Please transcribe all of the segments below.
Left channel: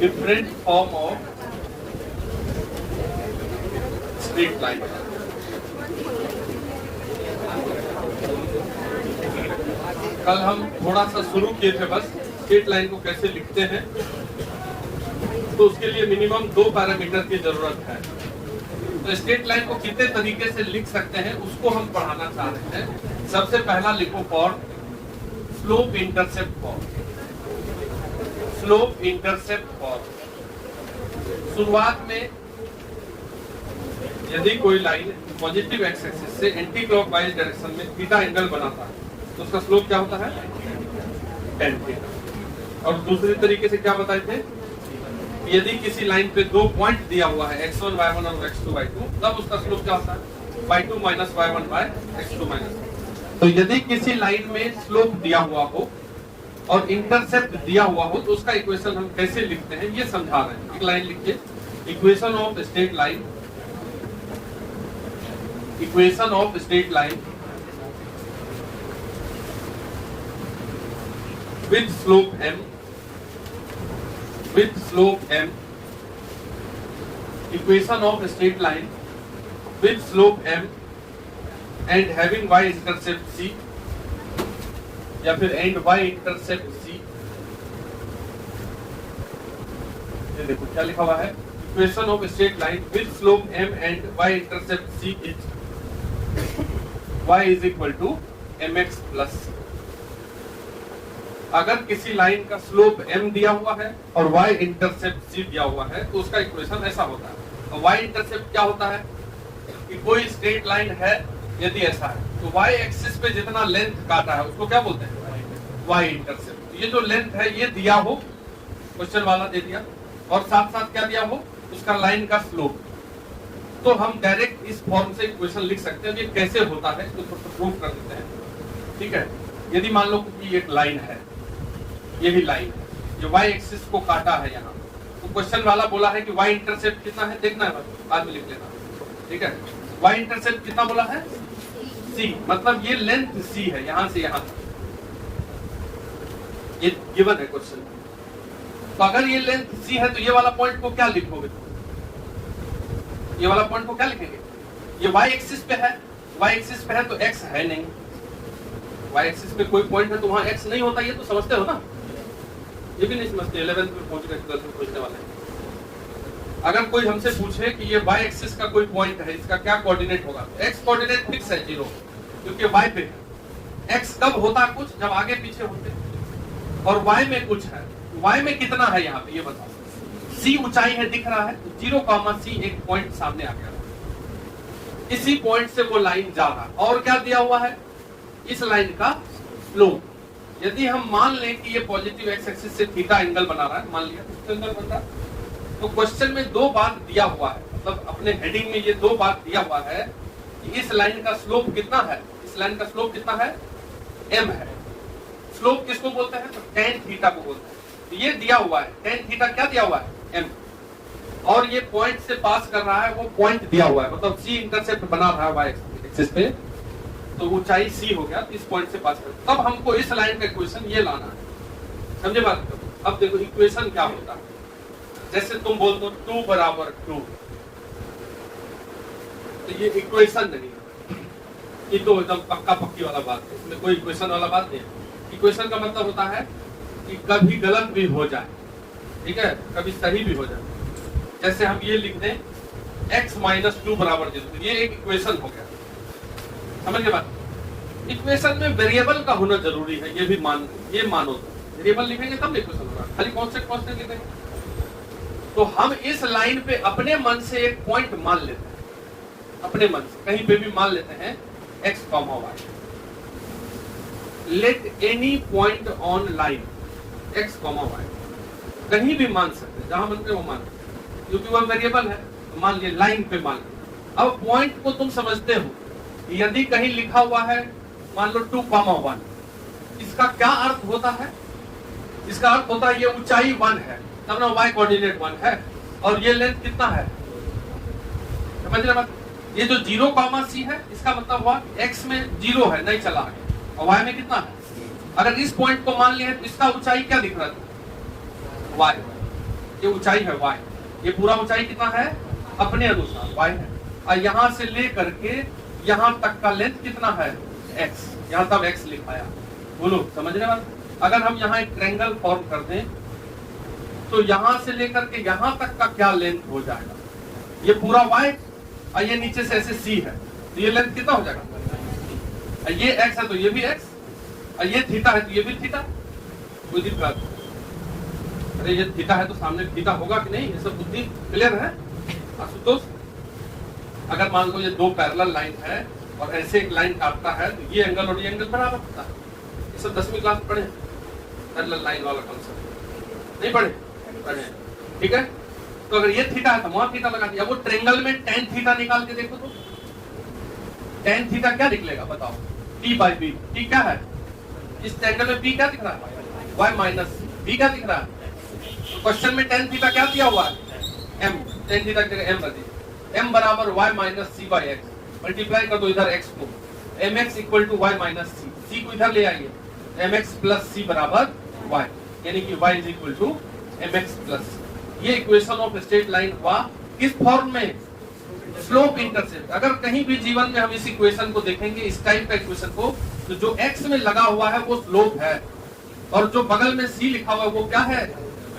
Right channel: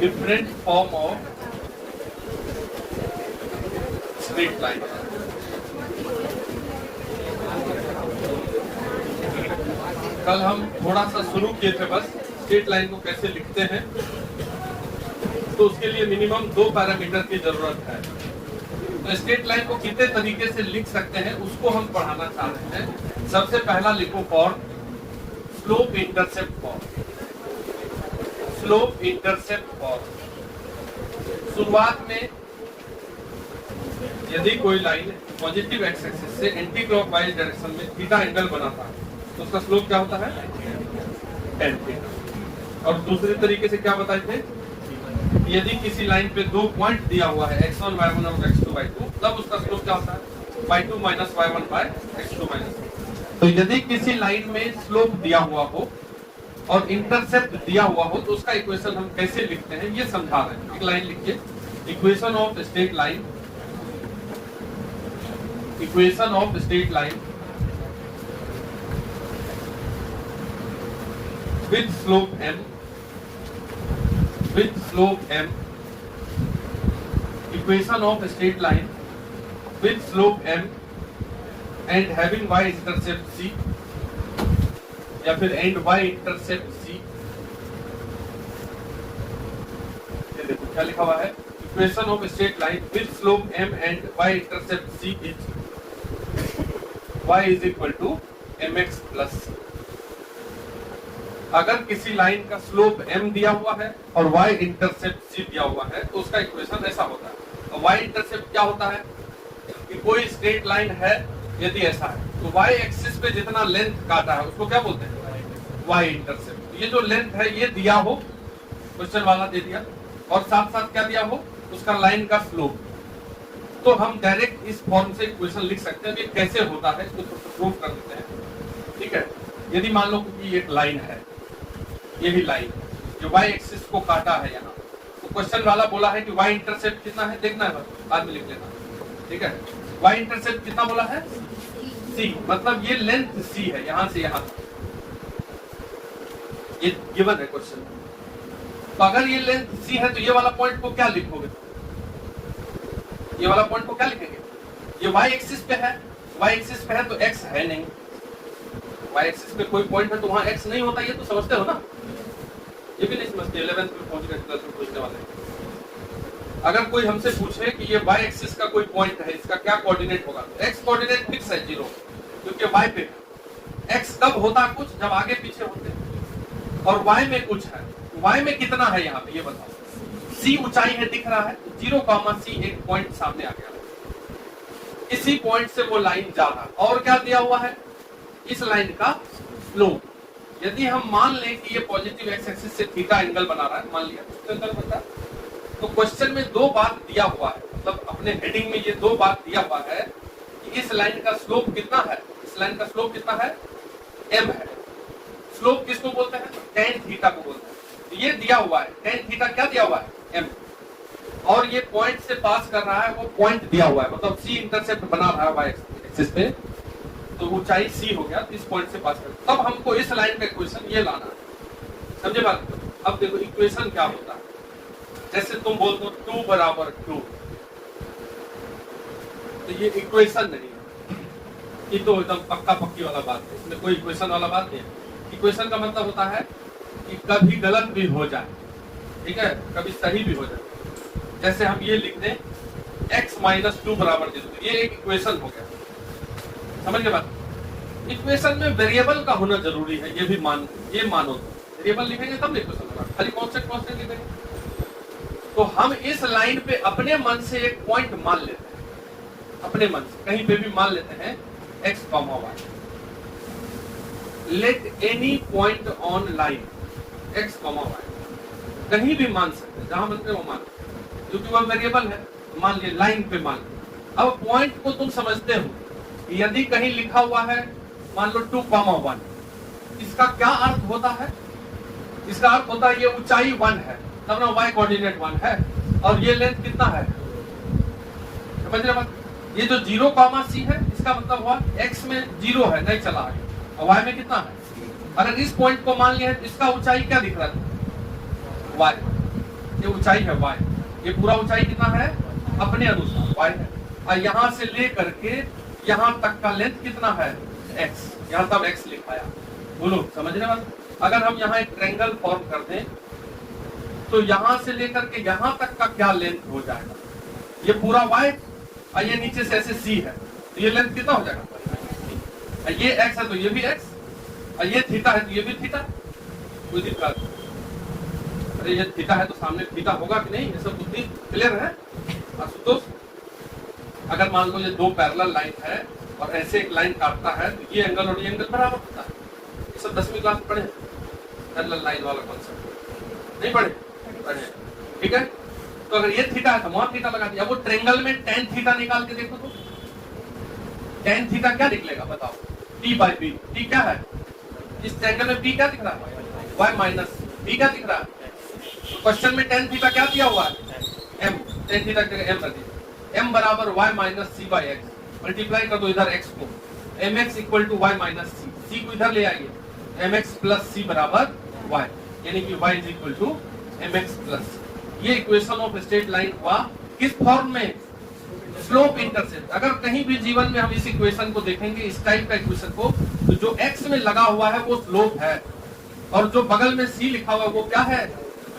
different form of straight line. कल हम थोड़ा सा शुरू किए थे बस स्ट्रेट लाइन को कैसे लिखते हैं, तो उसके लिए मिनिमम 2 पैरामीटर की जरूरत है। तो स्ट्रेट लाइन को कितने तरीके से लिख सकते हैं उसको हम पढ़ाना चाहते हैं। सबसे पहला लिखो form slope intercept form. Slope intercept form शुरुआत में यदि कोई लाइन पॉजिटिव एक्स एक्सिस से एंटी क्लॉकवाइज डायरेक्शन में थीटा एंगल बनाता तो उसका स्लोप क्या होता है? tan theta. और दूसरी तरीके से क्या बताए थे, यदि किसी लाइन पे 2 पॉइंट दिया हुआ है x1 y1 और x2 y2, तब उसका स्लोप क्या होता है? y2 minus y1 bye x2 minus. तो यदि किसी लाइन में स्लोप दिया हुआ हो और इंटरसेप्ट दिया हुआ हो तो उसका इक्वेशन हम कैसे लिखते हैं ये समझा रहे हैं। एक लाइन लिखिए, equation of straight line, equation of straight line with slope m, with slope m, equation of a straight line with slope m and having y intercept c, या फिर and y intercept c। ये देखो क्या लिखा हुआ है, equation of a straight line with slope m and y intercept c is y is equal to mx plus c। अगर किसी लाइन का स्लोप m दिया हुआ है और y इंटरसेप्ट c दिया हुआ है तो उसका इक्वेशन ऐसा होता है। तो y इंटरसेप्ट क्या होता है कि कोई स्ट्रेट लाइन है, यदि ऐसा है तो y एक्सिस पे जितना लेंथ काटा है उसको क्या बोलते हैं? y intercept. ये जो लेंथ है ये दिया हो, क्वेश्चन वाला दे दिया, और साथ साथ क्या दिया हो, उसका लाइन का स्लोप। तो हम डायरेक्ट इस फॉर्म से इक्वेशन लिख सकते हैं। ये कैसे होता है इसको प्रूव कर देते हैं। ठीक है, यदि मान लो कि एक लाइन है, ये भी लाइन है, ये y एक्सिस को काटा है यहाँ, तो क्वेश्चन वाला बोला है कि y इंटरसेप्ट कितना है, देखना है, बाद में लिख लेना। ठीक है, y इंटरसेप्ट कितना बोला है? c, मतलब ये लेंथ c है यहाँ से यहाँ, ये गिवन है क्वेश्चन। तो अगर ये लेंथ c है तो ये वाला पॉइंट को क्या लिखोगे? ये वाला पॉइंट को क्या लिखेंगे? ये y एक्सिस पे है, y एक्सिस पे है तो x है नहीं, y एक्सिस पे कोई पॉइंट है तो वहां x नहीं होता, ये तो समझते हो ना? ये भी नहीं समझते, 11th में पहुंच गए, 12th में पहुंचने वाले हैं। अगर कोई हमसे पूछे कि ये y एक्सिस का कोई पॉइंट है, इसका क्या कोऑर्डिनेट होगा, x कोऑर्डिनेट फिक्स है 0, क्योंकि y पे x कब होता कुछ, जब आगे पीछे होते, और y में कुछ है। y में कितना है यहाँ पे ये बताओ। c ऊंचाई है, दिख रहा है, 0,c एक पॉइंट सामने आ गया, इसी पॉइंट से वो लाइन जा रहा है। और क्या दिया हुआ है? इस लाइन का स्लोप। यदि हम मान लें कि ये पॉजिटिव एक्स एक्सिस से थीटा एंगल बना रहा है, मान लिया तो एंगल बनता है, तो क्वेश्चन में 2 बात दिया हुआ है, मतलब अपने हेडिंग में ये 2 बात दिया हुआ है कि इस लाइन का स्लोप कितना है, इस लाइन का स्लोप कितना है? m है। स्लोप किसको बोलते हैं? tan थीटा को बोलते हैं। तो ये दिया हुआ है, tan थीटा क्या दिया हुआ है? m, और ये पॉइंट से पास कर रहा है, वो पॉइंट दिया हुआ है, मतलब c इंटरसेप्ट बना रहा है y एक्सिस पे, तो ऊंचाई c हो गया, इस पॉइंट से पास कर। तब हमको इस लाइन का इक्वेशन ये लाना है, समझे बात? अब देखो इक्वेशन क्या होता है, जैसे तुम बोल दो 2 बराबर 2, तो ये इक्वेशन नहीं है, ये तो एकदम पक्का पक्की वाला बात है, इसमें कोई इक्वेशन वाला बात नहीं है। इक्वेशन का मतलब होता है कि कभी गलत भी हो जाए, ठीक है, कभी सही भी हो जाए। जैसे हम ये लिख दें x माइनस 2 बराबर 0, ये एक इक्वेशन हो गया, समझ बात? इक्वेशन में वेरिएबल का होना जरूरी है, ये भी मानो, वेरिएबल लिखेंगे तब इक्वेशन होगा, खाली कांस्टेंट लिखेंगे। तो हम इस लाइन पे अपने मन से एक पॉइंट मान लेते हैं, अपने मन से कहीं पे भी मान लेते हैं x, y। Let any point on line x, y, कहीं भी मान सकते, जहां बनते वो मान, क्योंकि वो वेरिएबल है, मान लिया लाइन पे मान लिया। अब पॉइंट को तुम समझते हो, यदि कहीं लिखा हुआ है मान लो 2,1, इसका क्या अर्थ होता है? इसका अर्थ होता है ये ऊंचाई 1 है, तब ना y कोऑर्डिनेट 1 है, और ये लेंथ कितना है? समझ रहे बात? ये जो 0,c है, इसका मतलब हुआ x में 0 है, नहीं चला आगे, और y में कितना है? अगर इस पॉइंट को मान लिया तो इसका ऊंचाई क्या दिख रहा है? y, ये ऊंचाई है y, ये पूरा ऊंचाई कितना है अपने अनुसार y है, और यहां से लेकर के यहां तक का लेंथ कितना है x, यहां तक x लिखाया। बोलो समझने वाले, अगर हम यहाँ एक ट्रायंगल फॉर्म कर दें तो यहां से लेकर के यहां तक का क्या लेंथ हो जाएगा, ये पूरा y और ये नीचे से ऐसे c है, तो ये लेंथ कितना हो जाएगा, ये x है तो ये भी x, और ये थीटा है तो ये भी थीटा। अरे ये थीटा है तो सामने थीटा होगा कि नहीं, ये सब बुद्धि क्लियर है। आशुतोष, अगर मान लो ये दो पैरेलल लाइन है और ऐसे एक लाइन काटता है तो ये एंगल और ये एंगल बराबर होता है, ये सब 10वीं क्लास पढ़े पैरेलल लाइन वाला कॉन्सेप्ट, नहीं पढ़े? ठीक है, तो अगर ये थीटा है तो वहां थीटा लगा दिया। वो ट्रायंगल में tan थीटा निकाल के देखो तो tan थीटा क्या निकलेगा बताओ, t/b, t क्या है इस ट्रायंगल में, b क्या दिख रहा है y माइनस b क्या दिख रहा है। तो क्वेश्चन में tan थीटा क्या दिया हुआ है m, tan थीटा m कर दीजिए, m बराबर y minus c by x, multiply कर दो इधर x को, mx equal to y minus c को इधर ले आइए, mx प्लस c बराबर y, यानी कि y is equal to mx plus. ये इक्वेशन ऑफ स्ट्रेट लाइन का किस फॉर्म में, स्लोप इंटरसेप्ट। अगर कहीं भी जीवन में हम इस इक्वेशन को देखेंगे, इस टाइप का इक्वेशन को, तो जो x में लगा हुआ है वो स्लोप है, और जो बगल में c लिखा हुआ है वो क्या है,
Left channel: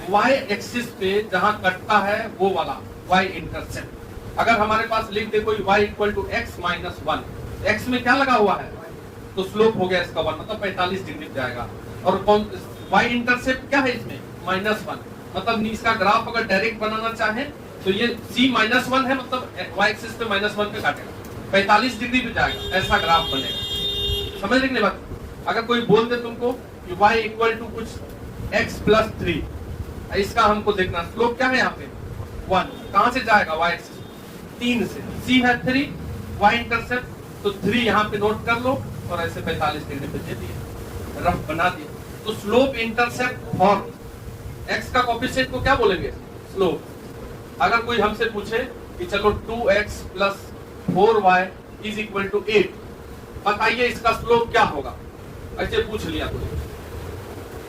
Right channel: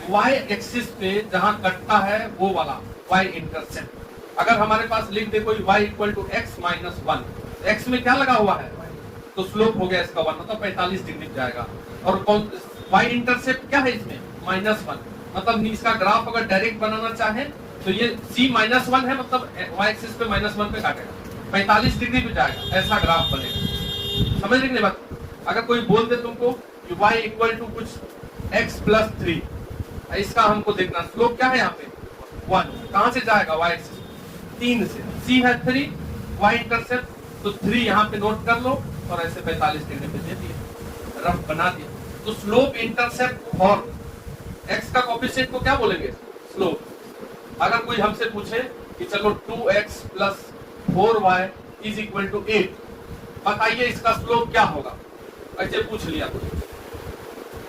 y एक्सिस पे जहां कटता है वो वाला y इंटरसेप्ट। अगर हमारे पास लिख दे कोई y equal to x minus 1, x में क्या लगा हुआ है तो स्लोप हो गया इसका 1, मतलब 45 डिग्री जाएगा। और कौन y इंटरसेप्ट क्या है इसमें -1, मतलब इसका ग्राफ अगर डायरेक्ट बनाना चाहे तो ये c -1 है, मतलब y एक्सिस पे -1 पे काटेगा, 45 डिग्री पे जाएगा, ऐसा ग्राफ बनेगा। समझ लेंगे बात। अगर कोई बोल दे तुमको कि y इक्वल टू कुछ x प्लस 3, इसका हमको देखना स्लोप क्या है यहाँ पे 1, कहां से जाएगा y एक्सिस 3 से, c है 3, y इंटरसेप्ट तो 3 यहाँ पे नोट कर लो और ऐसे 45 डिग्री पे दे दिया, रफ बना दिया। तो स्लोप इंटरसेप्ट फॉर x का कोफिशिएंट को क्या बोलेंगे स्लोप। अगर कोई हमसे पूछे कि चलो 2x plus 4y is equal to 8, बताइए इसका स्लोप क्या होगा, ऐसे पूछ लिया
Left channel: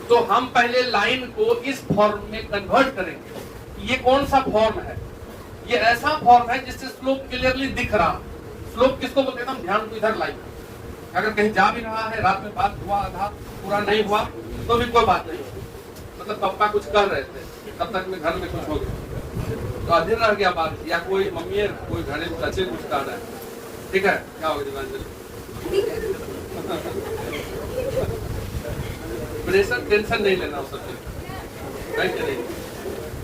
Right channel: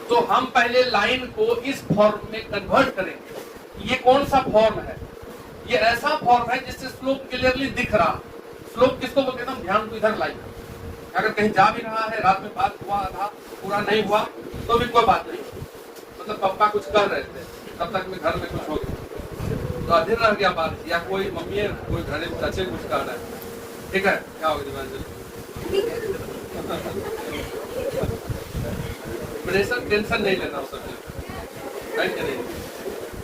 तो हम पहले लाइन को इस फॉर्म में कन्वर्ट करेंगे। ये कौन सा फॉर्म है, ये ऐसा फॉर्म है जिससे स्लोप क्लियरली दिख रहा। स्लोप किसको बोलते हैं हम, ध्यान को इधर लाइन, अगर कहीं जा भी रहा है, रात में बात हुआ आधा पूरा नहीं हुआ तो भी कोई बात नहीं, मतलब पापा कुछ कर रहे थे तब तक में घर में कुछ हो गया तो आधे रह गया बात, या कोई मम्मी कोई घर में बच्चे कुछ कर रहा है, ठीक है क्या होगा प्रेशर टेंशन नहीं लेना उस नहीं,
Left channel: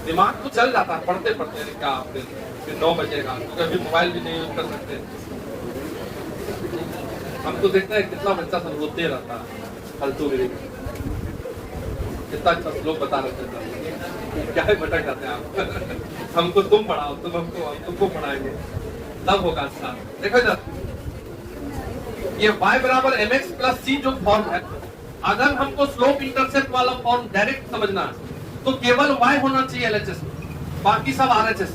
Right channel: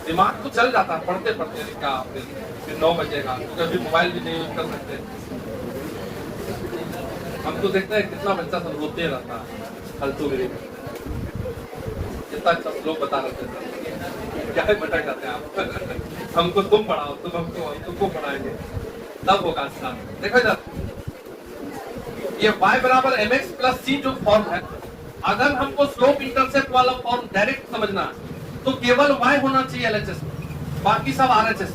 दिमाग तो चल जाता है पढ़ते पढ़ते क्या आपने फिर 9 बजेगा, कभी मोबाइल भी नहीं यूज कर सकते। हम तो देखते हैं कितना बच्चा सब रोते रहता है फालतू में, कितना अच्छा लोग बता रहे थे क्या है भटक जाते हैं आप हमको तुम पढ़ाओ, तुम हमको तुमको पढ़ाएंगे तब होगा अच्छा। देखो इधर ये y बराबर mx प्लस c जो फॉर्म है, अगर हमको स्लोप इंटरसेप्ट वाला फॉर्म डायरेक्ट समझना तो केवल y होना चाहिए LHS, बाकी सब RHS।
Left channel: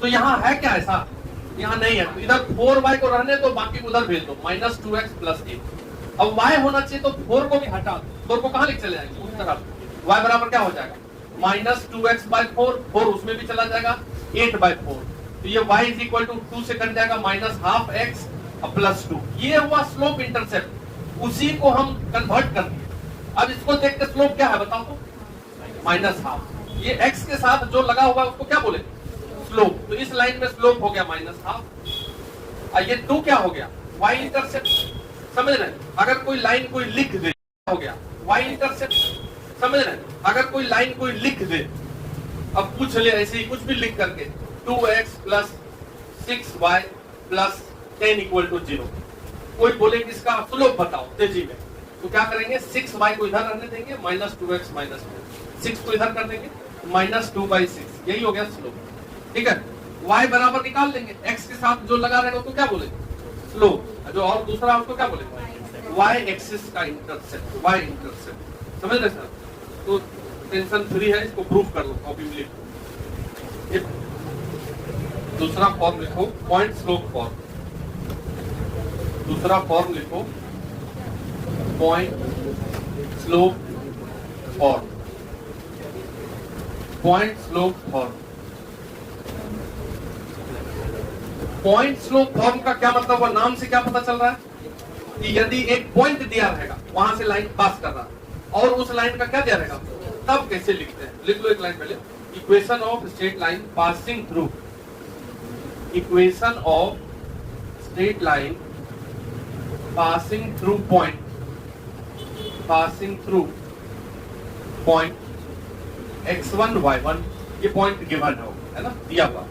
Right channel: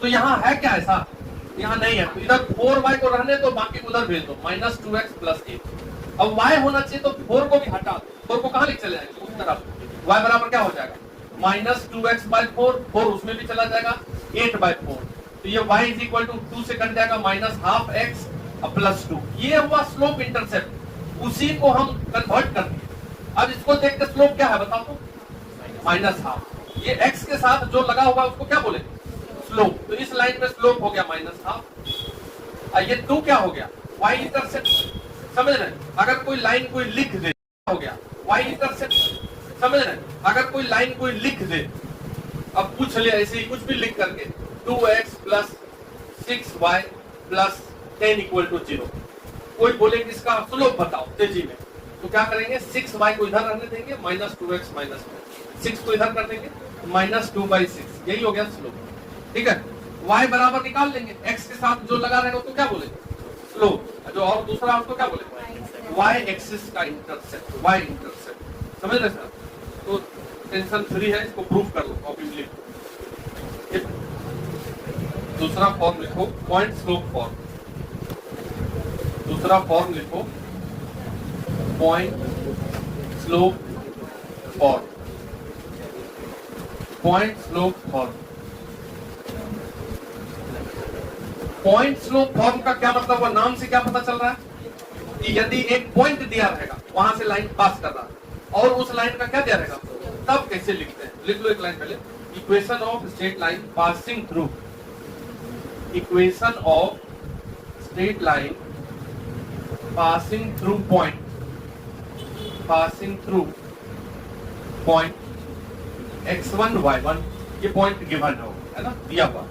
तो यहाँ है क्या ऐसा, यहाँ नहीं है, तो इधर 4y को रहने तो बाकी उधर भेज दो -2x प्लस 8। अब y होना चाहिए तो 4 को भी हटा दो, 4 को कहाँ लेके चले जाएगा उस तरफ, y बराबर क्या हो जाएगा -2x/4, 4 उसमें भी चला जाएगा 8/4, तो ये y इज इक्वल टू 2 से कट जाएगा -12x प्लस 2। ये हुआ स्लोप इंटरसेप्ट, उसी को हम कन्वर्ट कर दिए। अब इसको देख के स्लोप क्या है बताओ, -12। ये x के साथ जो लगा हुआ है उसको क्या बोलेंगे स्लोप, तो इस लाइन में स्लोप हो गया -12। ये 2 क्या हो गया y इंटरसेप्ट, समझ रहे, अगर कोई लाइन कोई लिख दे हो गया y इंटरसेप्ट, समझ रहे, अगर कोई लाइन कोई लिख दे, अब पूछ लिया ऐसे ही कुछ भी लिख करके 2x plus 6y plus 10 equal to 0, कोई बोले कि इसका स्लोप बताओ तेजी में, तो क्या करेंगे 6y को इधर रहने देंगे -2x माइनस 6 को इधर कर देंगे -2/6, यही हो गया स्लोप। ठीक है, y बराबर निकाल लेंगे, x के साथ जो लगा रहेगा तो क्या बोलेंगे स्लोप, जो और दूसरा हमको क्या बोलेंगे y एक्सिस का इंटरसेप्ट, y इंटरसेप्ट, समझ रहे सर। तो टेंशन फ्री है, इसको प्रूफ कर लो कॉपी में लिखो। दूसरा फॉर्म लिखो पॉइंट स्लोप फॉर्म, दूसरा फॉर्म लिखो point slope form. Point slope form. Point slope form का क्या मतलब हुआ? नाम से क्या पता चल रहा है कि यदि एक पॉइंट दिया रहेगा, वहां से लाइन पास कर रहा है, और उस लाइन का क्या दिया रहेगा, तब कैसे लिखते हैं? लिख लो एक लाइन पहले, equation of straight line passing through, equation of straight line passing through point, passing through point x1 y1, ये पॉइंट गिवन है ना, दिया हुआ।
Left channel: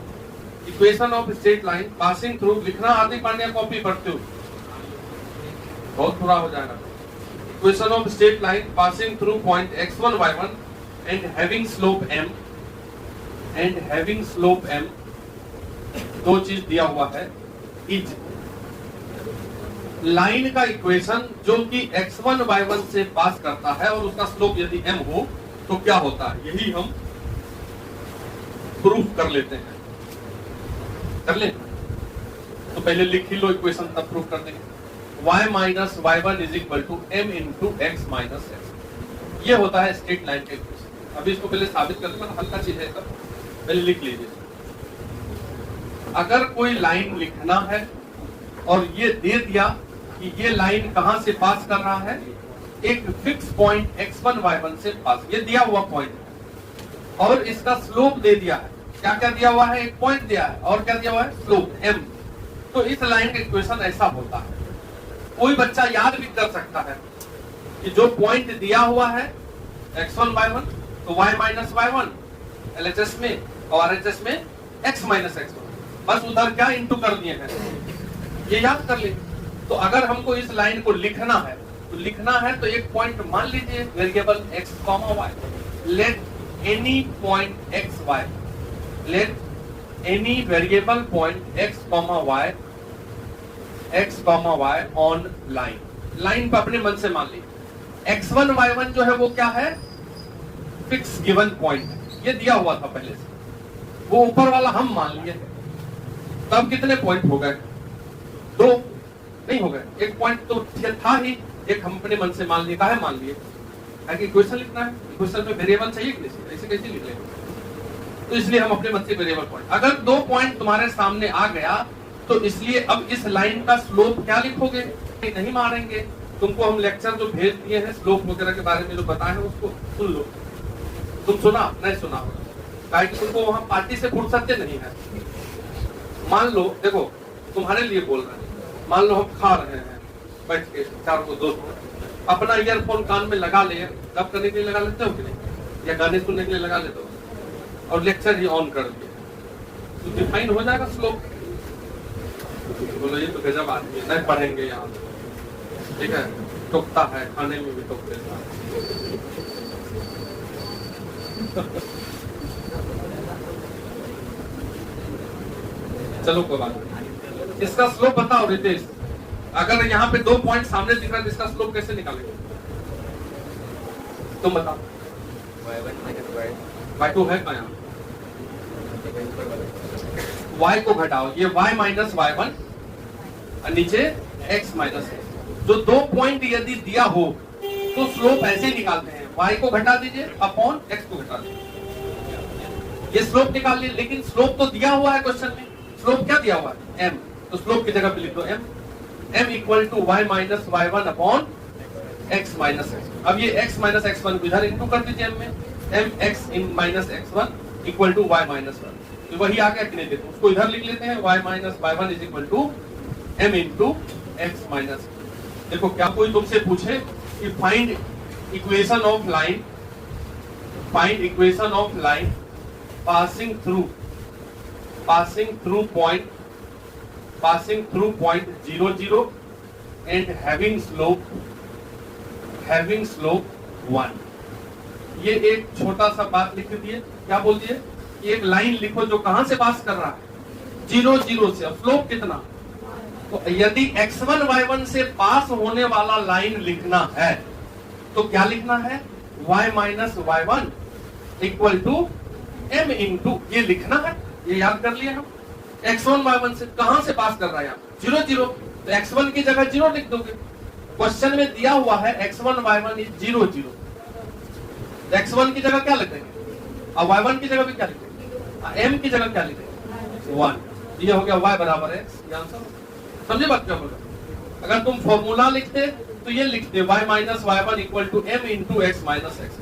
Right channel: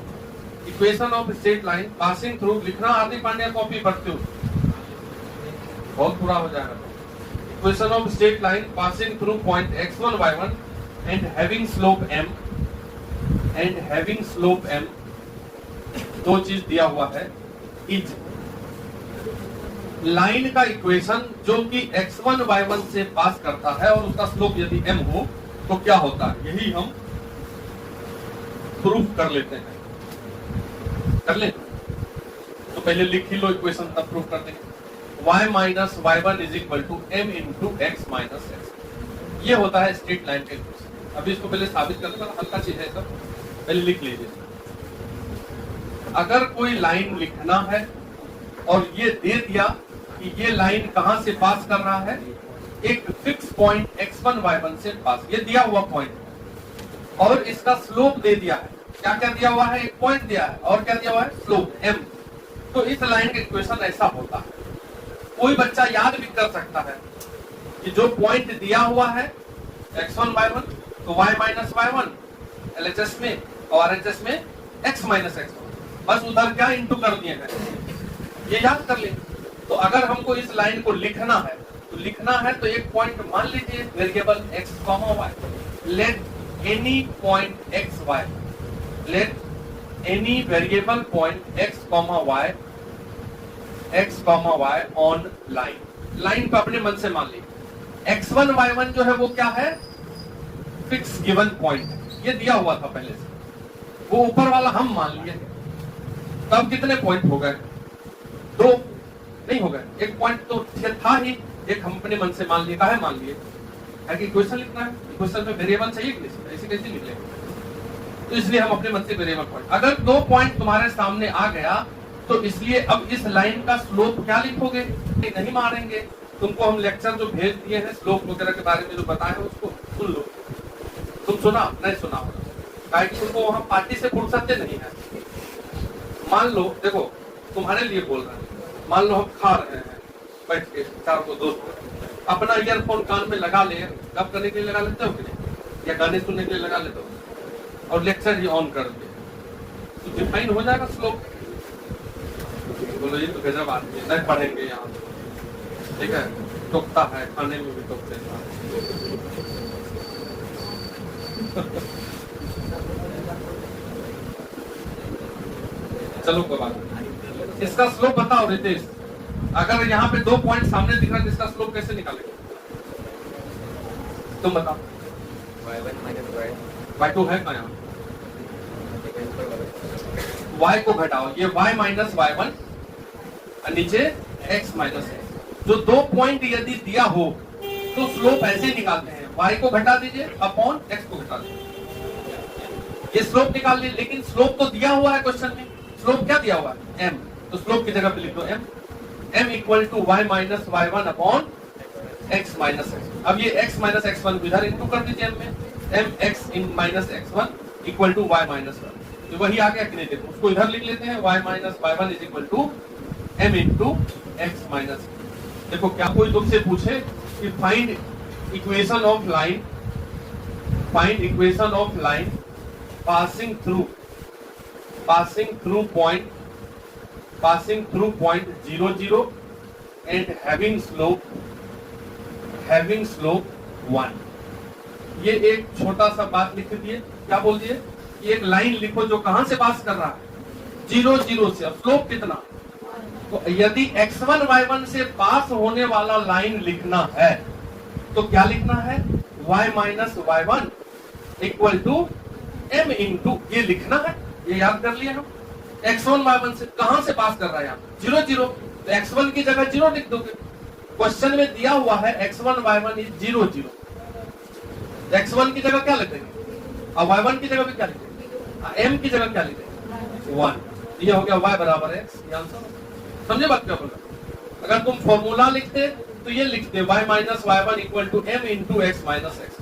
Equation of straight line passing through, लिखना आती पांड्या कॉपी पढ़ते हो, बहुत बुरा हो जाएगा। Equation of straight line passing through point x1 y1 and having slope m, and having slope m, दो चीज दिया हुआ है, इज लाइन का इक्वेशन जो कि x1 y1 से पास करता है और उसका स्लोप यदि m हो तो क्या होता है, यही हम प्रूफ कर लेते हैं। कर ले तो पहले लिख ही लो इक्वेशन, तब प्रूफ कर देंगे। y minus y1 is equal to m into x minus x, ये होता है स्ट्रेट लाइन का इक्वेशन। अभी इसको पहले साबित करने पर हल्का चीज है, सब पहले लिख लीजिए। अगर कोई लाइन लिखना है और ये दे दिया कि ये लाइन कहां से पास कर रहा है, एक फिक्स पॉइंट x1 y1 से पास, ये दिया हुआ पॉइंट, और इसका स्लोप दे दिया है। क्या क्या दिया हुआ है? एक पॉइंट दिया है, और क्या दिया हुआ है? Slope m। तो इस लाइन का इक्वेशन ऐसा होता है। कोई बच्चा याद भी कर सकता है कि जो पॉइंट दिया हुआ है x1 y1, तो y माइनस y1 LHS में और RHS में x माइनस x1, बस उधर क्या इंटू कर दिए हैं, ये याद कर ले। तो अगर हमको इस लाइन को लिखना है तो एक पॉइंट मान लीजिए variable x, y, let any point x, y, let any variable point x, y on line को अपने मन से मान लीजिए। x1 y1 जो है वो क्या है? फिक्स गिवन पॉइंट, ये दिया हुआ था पहले से, वो ऊपर वाला हम मान लिए। तब कितने पॉइंट हो गए? दो नहीं हो गए, एक पॉइंट तो था ही, एक हम अपने मन से मान लिए। काहे मान लिए? क्योंकि इक्वेशन लिखना है, इक्वेशन में वेरिएबल चाहिए कि नहीं, ऐसे कैसे निकलेगा? तो इसलिए हम अपने मन से वेरिएबल पॉइंट, अगर दो पॉइंट तुम्हारे सामने आ गया तो इसलिए अब इस लाइन का स्लोप क्या लिखोगे? नहीं मारेंगे, तुमको हम लेक्चर जो भेज दिए हैं स्लोप वगैरह के बारे में जो बताए हैं उसको सुन लो। तुम सुना नहीं सुना, ताकि तुमको वहां पार्टी से फुर्सत नहीं है। मान लो, देखो तुम्हारे लिए बोल रहा है, मान लो हम खा रहे हैं बैठ के चार को दोस्त, अपना ईयरफोन कान में लगा ले, कब करने के लिए लगा लेते हो कि नहीं, या गाने सुनने के लिए लगा लेते हो, और लेक्चर ही ऑन कर दिए, तो डिफाइन हो जाएगा स्लोप। बोलो ये तो गजब आदमी है, नहीं पढ़ेंगे यहाँ, ठीक है, टोकता है, खाने में भी टोकते हैं। चलो कोई बात, इसका स्लोप बताओ रितेश। अगर यहाँ पे दो पॉइंट सामने दिख रहा है, इसका स्लोप कैसे निकालेंगे? तुम बताओ। y2 है क्या? y को घटाओ, ये y माइनस y1 और नीचे x माइनस x। जो दो पॉइंट यदि दिया हो तो स्लोप ऐसे निकालते हैं, y को घटा दीजिए अपॉन x को घटा दीजिए, ये स्लोप निकाल लीजिए। लेकिन स्लोप तो दिया हुआ है क्वेश्चन में, स्लोप क्या दिया हुआ है? m, तो स्लोप की जगह पे लिख दो m equal to y minus y1 upon x minus x। अब ये x माइनस x1 इधर इंटू कर दीजिए m में, mx इन minus x1 equal to y minus 1, तो वही आ गया कि नहीं? देखो उसको इधर लिख लेते हैं, y minus y1 is equal to m into x minus. देखो क्या कोई तुमसे पूछे कि find equation of line, find equation of line passing through point 0 0 and having slope 1, ये एक छोटा सा बात लिख दिए। क्या बोल दिए? एक लाइन लिखो जो कहां से पास कर रहा है? 0 0 से। अब स्लोप कितना? तो यदि x1 y1 से पास होने वाला लाइन लिखना है तो क्या लिखना है? y minus y1 equal to m into, ये लिखना है, ये याद कर लिए हम। x1 y1 से कहां से पास कर रहा है? 0 0, तो x1 की जगह 0 लिख दोगे। क्वेश्चन में दिया हुआ है x1 y1 इज 0 0, x1 की जगह क्या लिखेंगे? और y1 की जगह पे क्या लिखे, m की जगह क्या लिखे 1। ये हो गया y बराबर x, ये आंसर। समझे बात क्या बोला? अगर तुम फॉर्मूला लिखते तो ये लिखते y minus y1 equal to m into x minus x.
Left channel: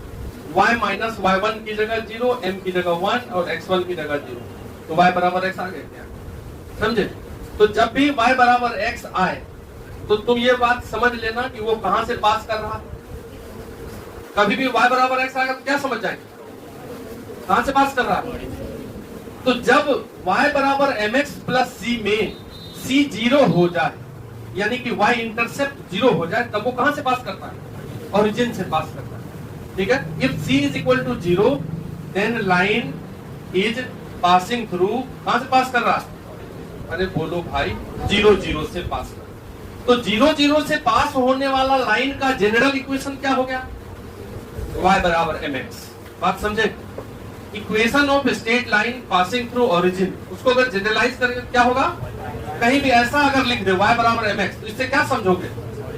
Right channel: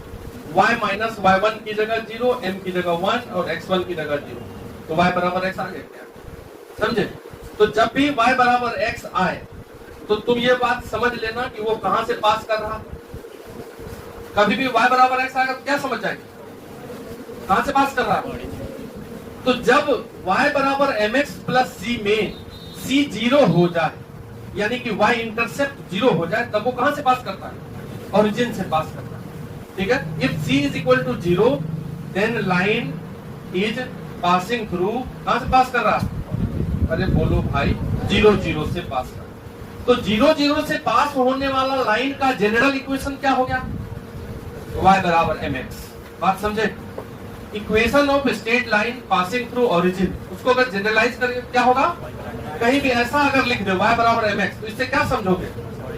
y minus y1 की जगह 0, m की जगह 1 और x1 की जगह 0, तो y बराबर x आ गया। समझे? तो जब भी y बराबर x आए तो तुम ये बात समझ लेना कि वो कहां से पास कर रहा है। कभी भी y बराबर x आएगा तो क्या समझ जाएंगे, कहां से पास कर रहा है। तो जब y बराबर mx प्लस c में c 0 हो जाए, यानी कि y इंटरसेप्ट 0 हो जाए, तब वो कहां से पास करता है, ओरिजिन से पास करता है। ठीक है, if c is equal to 0 then line is passing through, कहां से पास कर रहा है, अरे बोलो भाई 0 0 से पास कर। तो 0 0 से पास होने वाला लाइन का जनरल इक्वेशन क्या हो गया, y बराबर mx। बात समझे? Equation of straight line passing through origin, उसको अगर जनरलाइज करेंगे क्या होगा, कहीं भी ऐसा अगर लिख दे y बराबर mx, तो इससे क्या समझोगे,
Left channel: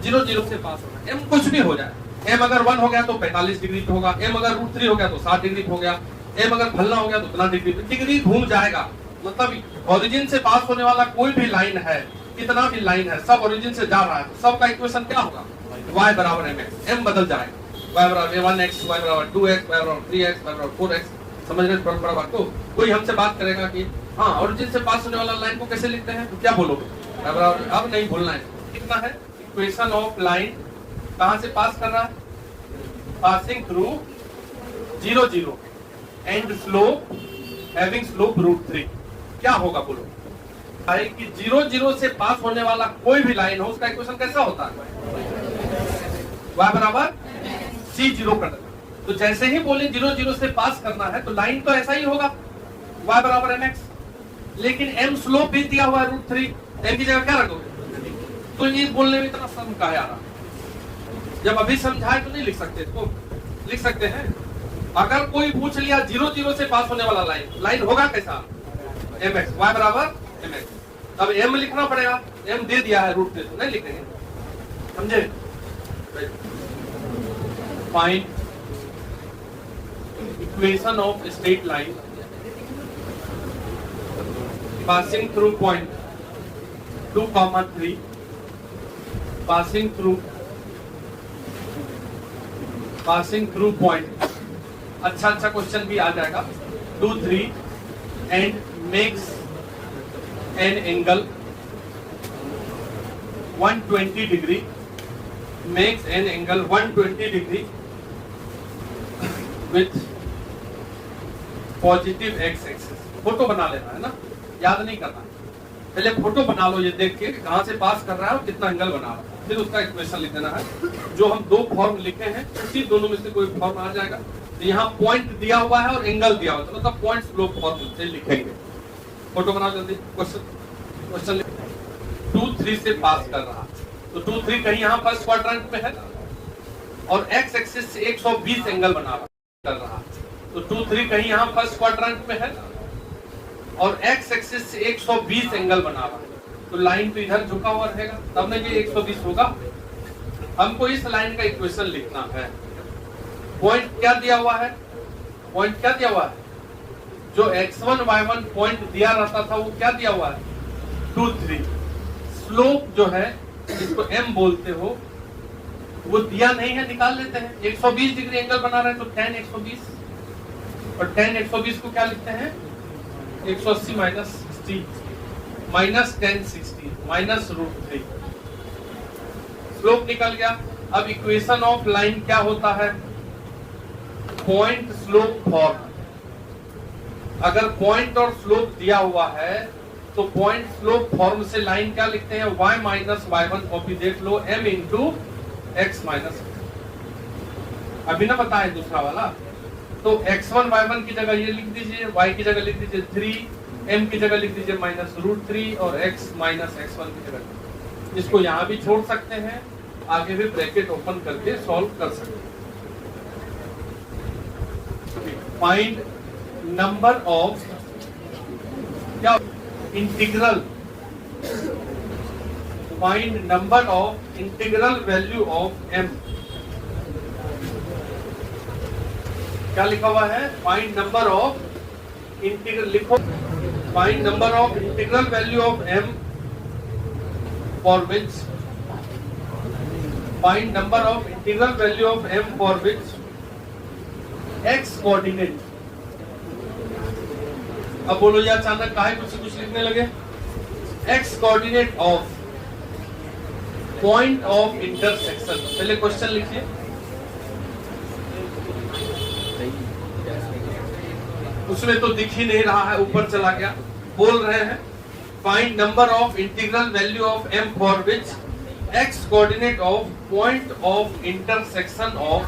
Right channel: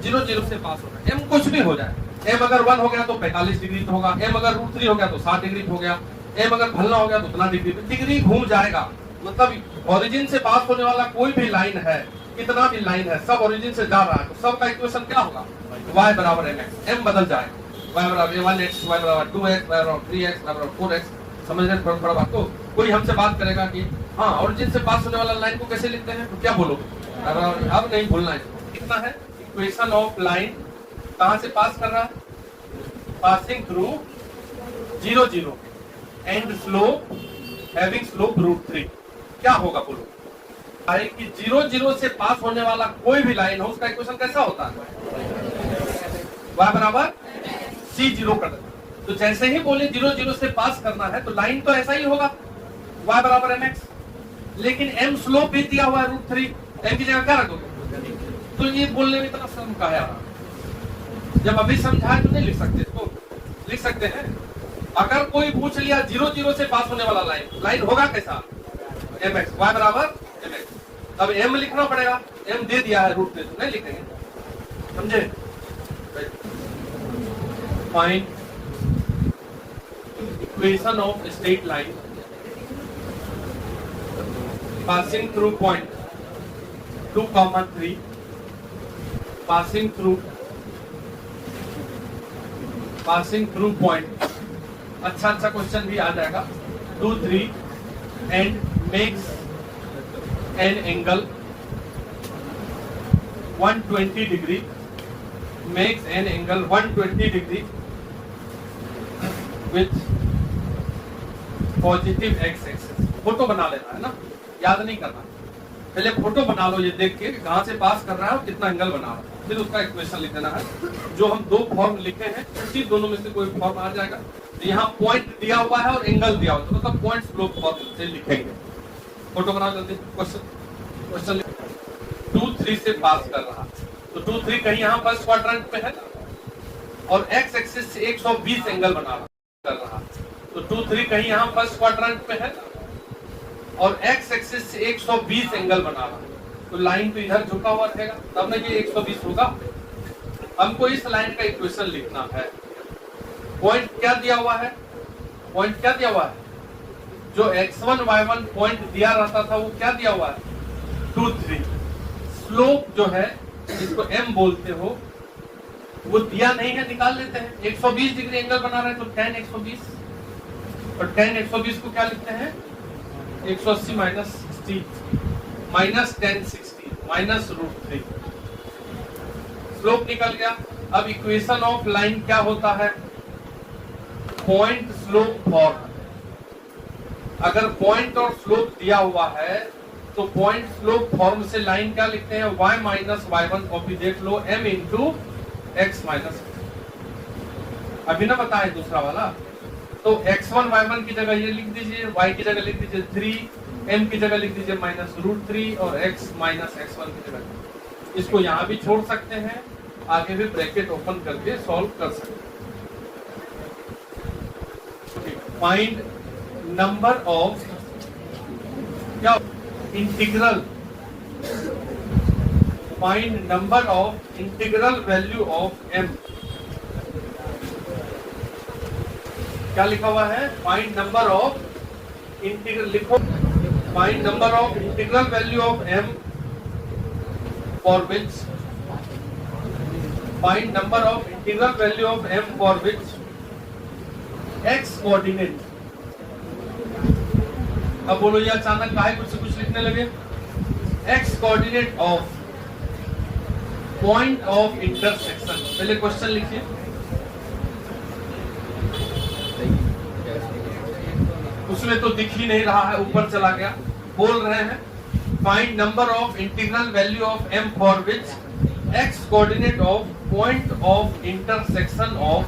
0 0 से पास होगा। m कुछ भी हो जाए, m अगर 1 हो गया तो 45 डिग्री पे होगा, m अगर √3 हो गया तो 7 डिग्री पे हो गया, m अगर भलना हो गया तो उतना डिग्री घूम जाएगा। मतलब ओरिजिन से पास होने वाला कोई भी लाइन है, कितना भी लाइन है, सब ओरिजिन से जा रहा है, तो सबका इक्वेशन क्या होगा, y बराबर mx। m बदल जाएगा, y बराबर 1x, y बराबर 2x, y बराबर 3x, y बराबर 4x। समझ रहे थोड़ा बात को? कोई हमसे बात करेगा कि हाँ ओरिजिन से पास होने वाला लाइन को कैसे लिखते हैं, तो क्या बोलोगे, अब नहीं भूलना है। कितना है इक्वेशन ऑफ लाइन, कहां से पास कर रहा है, passing through 0 0 and slope having slope √3। क्या होगा बोलो भाई कि 0 0 से पास होने वाला कोई भी लाइन हो, उसका इक्वेशन कैसा होता है, y बराबर c 0 कर देना। तो जैसे ही बोले 0 0 से पास करना है तो लाइन तो ऐसा ही होगा, y बराबर mx, लेकिन m स्लोप भी दिया हुआ है √3, m की जगह क्या रखोगे। तो ये बोलने में इतना शर्म का आ रहा, जब अभी समझाए तो नहीं लिख सकते, तो लिख सकते हैं। अगर कोई पूछ लिया 0 0 से पास होने वाला लाइन होगा कैसा, mx, y बराबर mx। अब m लिखना पड़ेगा, m दे दिया है √3, तो नहीं लिखेंगे। समझे? Find equation of straight line passing through point 2,3, passing through point, अच्छा क्वेश्चन भी आ जाएगा, 2 3 and makes an angle 120 degree, makes an angle 120 degree with positive x axis. Photo बना लेना है ना, याद नहीं करना, पहले फोटो बना लो, ये देख के कहां से पास कर रहा है और कितना एंगल बना रहा है, फिर उसका इक्वेशन लिख देना है। जो हम दो फॉर्म लिखे हैं उसी दोनों में से कोई फॉर्म आ जाएगा। यहाँ पॉइंट दिया हुआ है और एंगल दिया हुआ है, तो मतलब पॉइंट स्लोप फॉर्म से लिखेंगे। फोटो बना जल्दी, क्वेश्चन 2 3 से पास कर रहा है, तो 2 3 कहीं यहाँ फर्स्ट क्वाड्रेंट पे है और x एक्सिस से 120 एंगल बना कर रहा है, तो 2 3 कहीं यहाँ फर्स्ट क्वाड्रेंट पे है और x एक्सिस से 120 एंगल बना रहा है, तो लाइन तो इधर झुका हुआ रहेगा, तब ना ये 120 होगा। हमको इस लाइन का इक्वेशन लिखना है। पॉइंट क्या दिया हुआ है, पॉइंट क्या दिया हुआ है, जो x1 y1 पॉइंट दिया रहता था वो क्या दिया हुआ है, 2 3। स्लोप जो है जिसको m बोलते हो वो दिया नहीं है, निकाल लेते हैं। 120 डिग्री एंगल बना रहे हैं तो tan 120, और tan 120 को क्या लिखते हैं, 180 minus 60 minus tan 60 minus √3। Slope निकल गया। अब इक्वेशन ऑफ लाइन क्या होता है, पॉइंट स्लोप फॉर्म। अगर पॉइंट और स्लोप दिया हुआ है तो पॉइंट स्लोप फॉर्म से लाइन क्या लिखते हैं, y माइनस y1, कॉपी देख लो, m इंटू x माइनस। अभी ना बताए दूसरा वाला, तो x1 y1 की जगह ये लिख दीजिए, y की जगह लिख दीजिए 3, m की जगह लिख दीजिए माइनस √3 और x माइनस x1 की जगह। इसको यहाँ भी छोड़ सकते हैं, आगे भी ब्रैकेट ओपन करके सॉल्व कर सकते हैं। फाइंड नंबर ऑफ क्या integral, find number of integral value of m क्या लिखा हुआ है? फाइंड नंबर ऑफ इंटीग्रल, लिखो find number of integral value of m for which find number of integral value of m for which x coordinate. अब बोलो ये अचानक काहे कुछ लिखने लगे? x coordinate of point of intersection. पहले क्वेश्चन लिखिए। उसमें तो दिख ही नहीं रहा है, ऊपर चला गया। बोल रहे हैं find number of integral value of m for which x coordinate of point of intersection of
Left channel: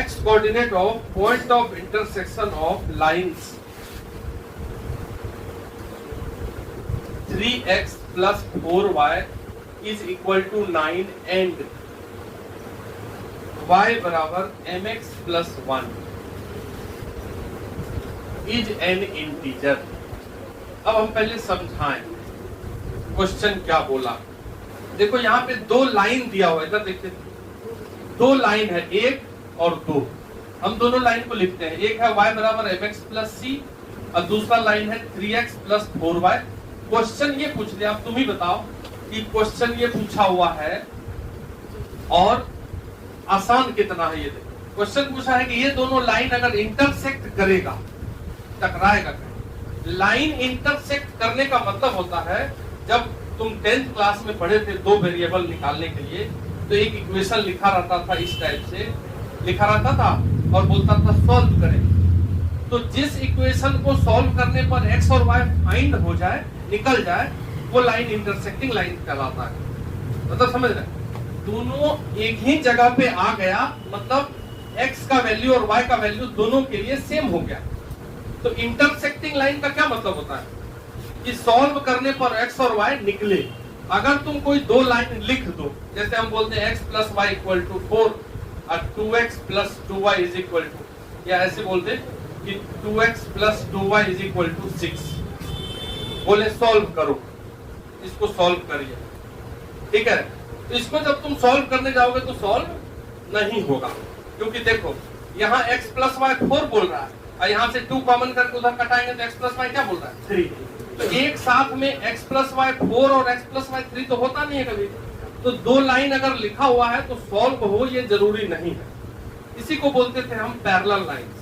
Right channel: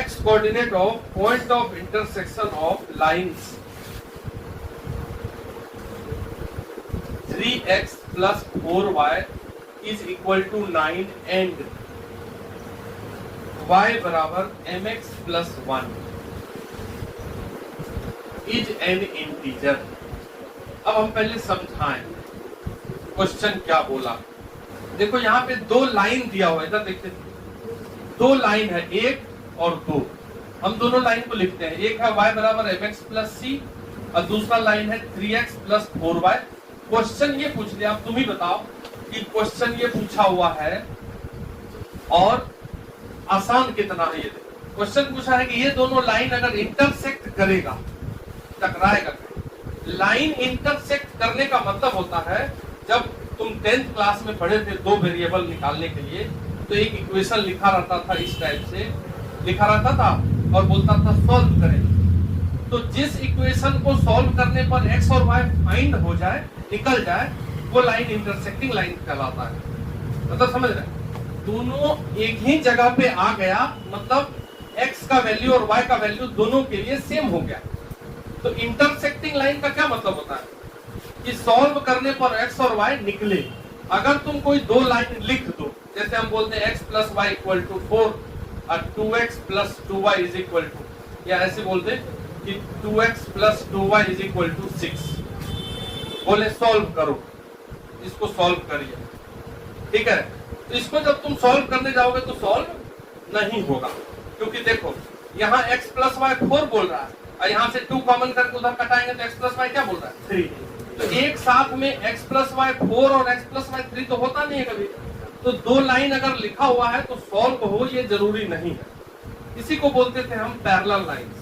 x coordinate of point of intersection of lines 3x plus 4y is equal to 9 and y बराबर mx plus 1 is an integer। अब हम पहले समझाएं question क्या बोला। देखो यहाँ पे दो लाइन दिया हुआ है, इधर देखते दो लाइन है, एक और दो। हम दोनों लाइन को लिखते हैं। एक है y बराबर mx plus c और दूसरा लाइन है 3x plus 4y। क्वेश्चन ये पूछ लिया, अब तुम ही बताओ कि क्वेश्चन ये पूछा हुआ है और आसान कितना है। ये देखो क्वेश्चन पूछा है कि ये दोनों लाइन अगर इंटरसेक्ट करेगा, टकराएगा। लाइन इंटरसेक्ट करने का मतलब होता है, जब तुम 10th क्लास में पढ़े थे दो वेरिएबल निकालने के लिए, तो एक इक्वेशन लिखा रहता था, इस टाइप से लिखा रहता था और बोलता था सॉल्व करें। तो जिस इक्वेशन को सॉल्व करने पर x और y फाइंड हो जाए, निकल जाए, वो लाइन इंटरसेक्टिंग लाइन कहलाता है। मतलब समझ रहे, दोनों एक ही जगह पे आ गया, मतलब x का वैल्यू और y का वैल्यू दोनों के लिए सेम हो गया। तो इंटरसेक्टिंग लाइन का क्या मतलब होता है कि सॉल्व करने पर x और y निकले। अगर तुम कोई दो लाइन लिख दो, जैसे हम बोलते हैं x plus y equal to 4 और 2x plus 2y is equal to, या ऐसे बोलते कि 2x plus 2y is equal to 6। बोले सॉल्व करो, इसको सॉल्व करिए, ठीक है। तो इसको जब तुम सॉल्व करने जाओगे तो सॉल्व नहीं होगा, क्योंकि देखो यहाँ x प्लस वाई 4 बोल रहा है और यहाँ से 2 कॉमन करके उधर कटाएंगे तो x प्लस वाई क्या बोल रहा है? 3। तो एक साथ में x प्लस वाई 4 और x प्लस वाई 3 तो होता नहीं है कभी। तो दो लाइन अगर लिखा हुआ है तो सॉल्व हो ये जरूरी नहीं है। इसी को बोलते थे हम parallel lines.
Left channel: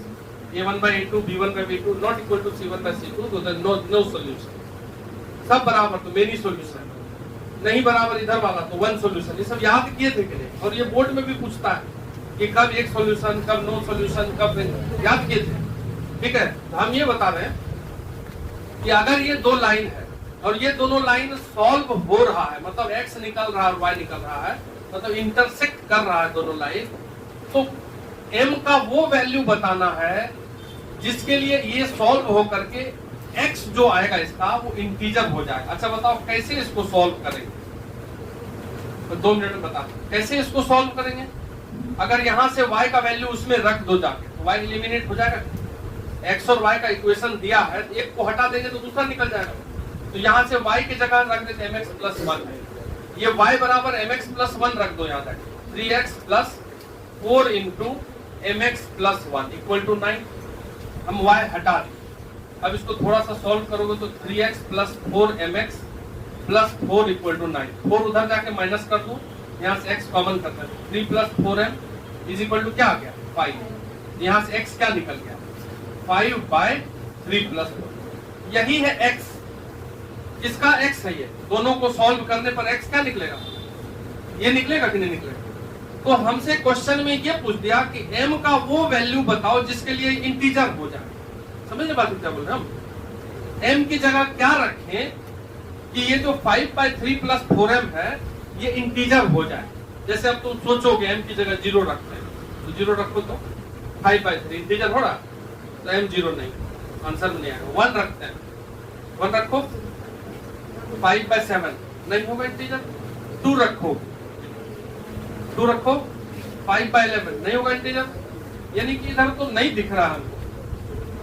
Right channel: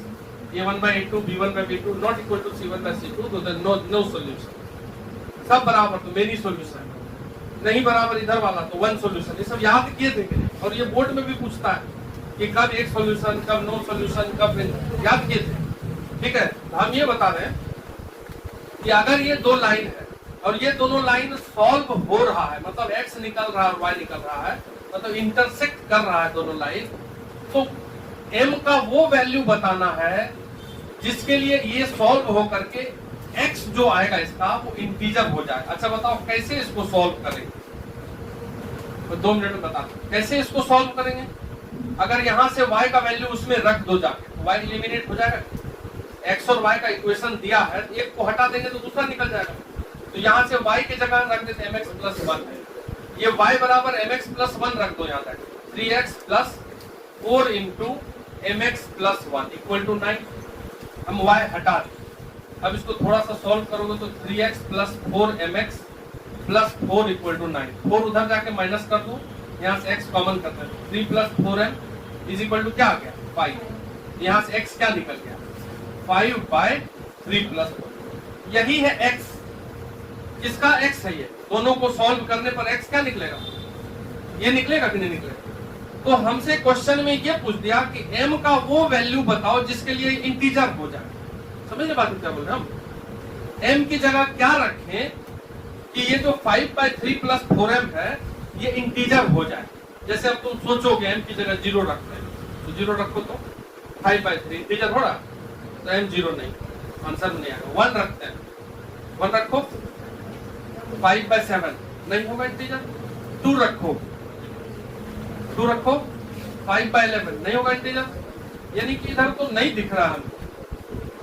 a1 by a2 b1 by b2 not equal to c1 by c2, so there is no solution। सब बराबर तो मेनी सॉल्यूशन, नहीं बराबर इधर वाला तो वन सॉल्यूशन। ये सब याद किए थे कि नहीं? और ये बोर्ड में भी पूछता है कि कब एक सॉल्यूशन, कब नो सॉल्यूशन, कब याद किए थे, ठीक है। तो हम ये बता रहे हैं कि अगर ये दो लाइन है और ये दोनों लाइन सॉल्व हो रहा है, मतलब x निकल रहा है और y निकल रहा है, मतलब इंटरसेक्ट कर रहा है दोनों लाइन, तो m का वो वैल्यू बताना है जिसके लिए ये सॉल्व हो करके x जो आएगा इसका वो इंटीजर हो जाए। अच्छा बताओ कैसे इसको सॉल्व करेंगे? तो 2 मिनट में बताओ कैसे इसको सॉल्व करेंगे। अगर यहाँ से y का वैल्यू उसमें रख दो जाके, तो y एलिमिनेट हो जाएगा। x और y का इक्वेशन दिया है, एक को हटा देंगे तो दूसरा निकल जाएगा। तो यहाँ से y की जगह रख देते mx प्लस 1। ये y बराबर mx प्लस 1 रख दो यहाँ तक, 3x plus 4 into mx plus 1 equal to 9। हम y हटा दें। अब इसको थोड़ा सा सॉल्व करोगे तो 3x plus 4mx plus 4 equal to 9। 4 उधर जाके माइनस कर दूं, यहाँ से x कॉमन कर दे, 3 plus 4m is equal to क्या आ गया? 5। यहाँ से x क्या निकल गया? 5 बाय 3 प्लस 4। यही है x। किसका x है ये? दोनों को सॉल्व करने पर x क्या निकलेगा? ये निकलेगा कि नहीं निकलेगा? तो हमसे क्वेश्चन में ये पूछ दिया कि m का वो वैल्यू बताओ जिसके लिए इंटीजर हो जाए। समझे बात क्या बोल रहे हम? m की जगह क्या रखें कि ये जो 5 बाय 3 प्लस 4m है ये इंटीजर हो जाए। जैसे अब तुम सोचोगे m की जगह 0 रखना है, तो 0 रखो तो 5 बाय 3 इंटीजर हो रहा, तो m 0 नहीं, आंसर नहीं आएगा। 1 रखते हैं, 1 रखो, 5 बाय 7 नहीं होगा इंटीजर। 2 रखो, 2 रखो, 5 बाय 11 नहीं होगा इंटीजर। यानी कि इधर तो नहीं दिख रहा हमको,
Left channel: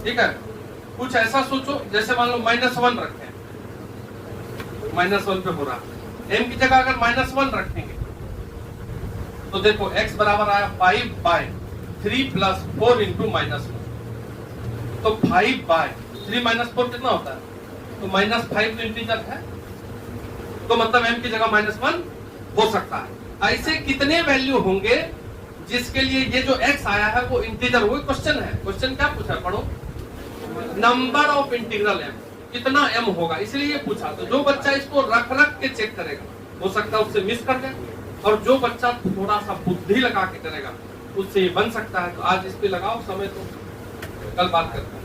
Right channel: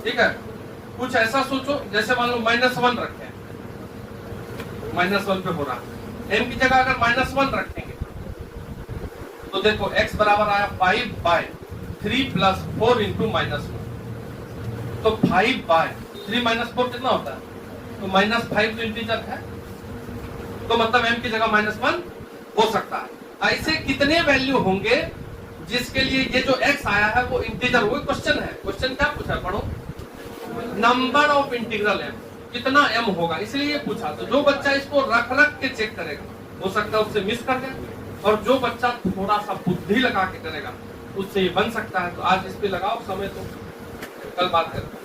ठीक है। कुछ ऐसा सोचो जैसे मान लो -1 रखे, -1 पे हो रहा है। m की जगह अगर -1 रखेंगे तो देखो x बराबर आया 5 बाय 3 प्लस 4 इंटू -1। तो 5/3 - 4 कितना होता है? तो -5 इंटीजर है, तो मतलब m की जगह -1 हो सकता है। ऐसे कितने वैल्यू होंगे जिसके लिए ये जो x आया है वो इंटीजर? वो क्वेश्चन है। क्वेश्चन क्या पूछा है? पढ़ो, नंबर ऑफ इंटीग्रल m, कितना m होगा, इसलिए ये पूछा। तो जो बच्चा इसको रख रख के चेक करेगा, हो सकता है उससे मिस कर जाए, और जो बच्चा थोड़ा सा बुद्धि लगा के करेगा उससे ये बन सकता है। तो आज इस पे लगाओ समय, तो कल बात करते हैं।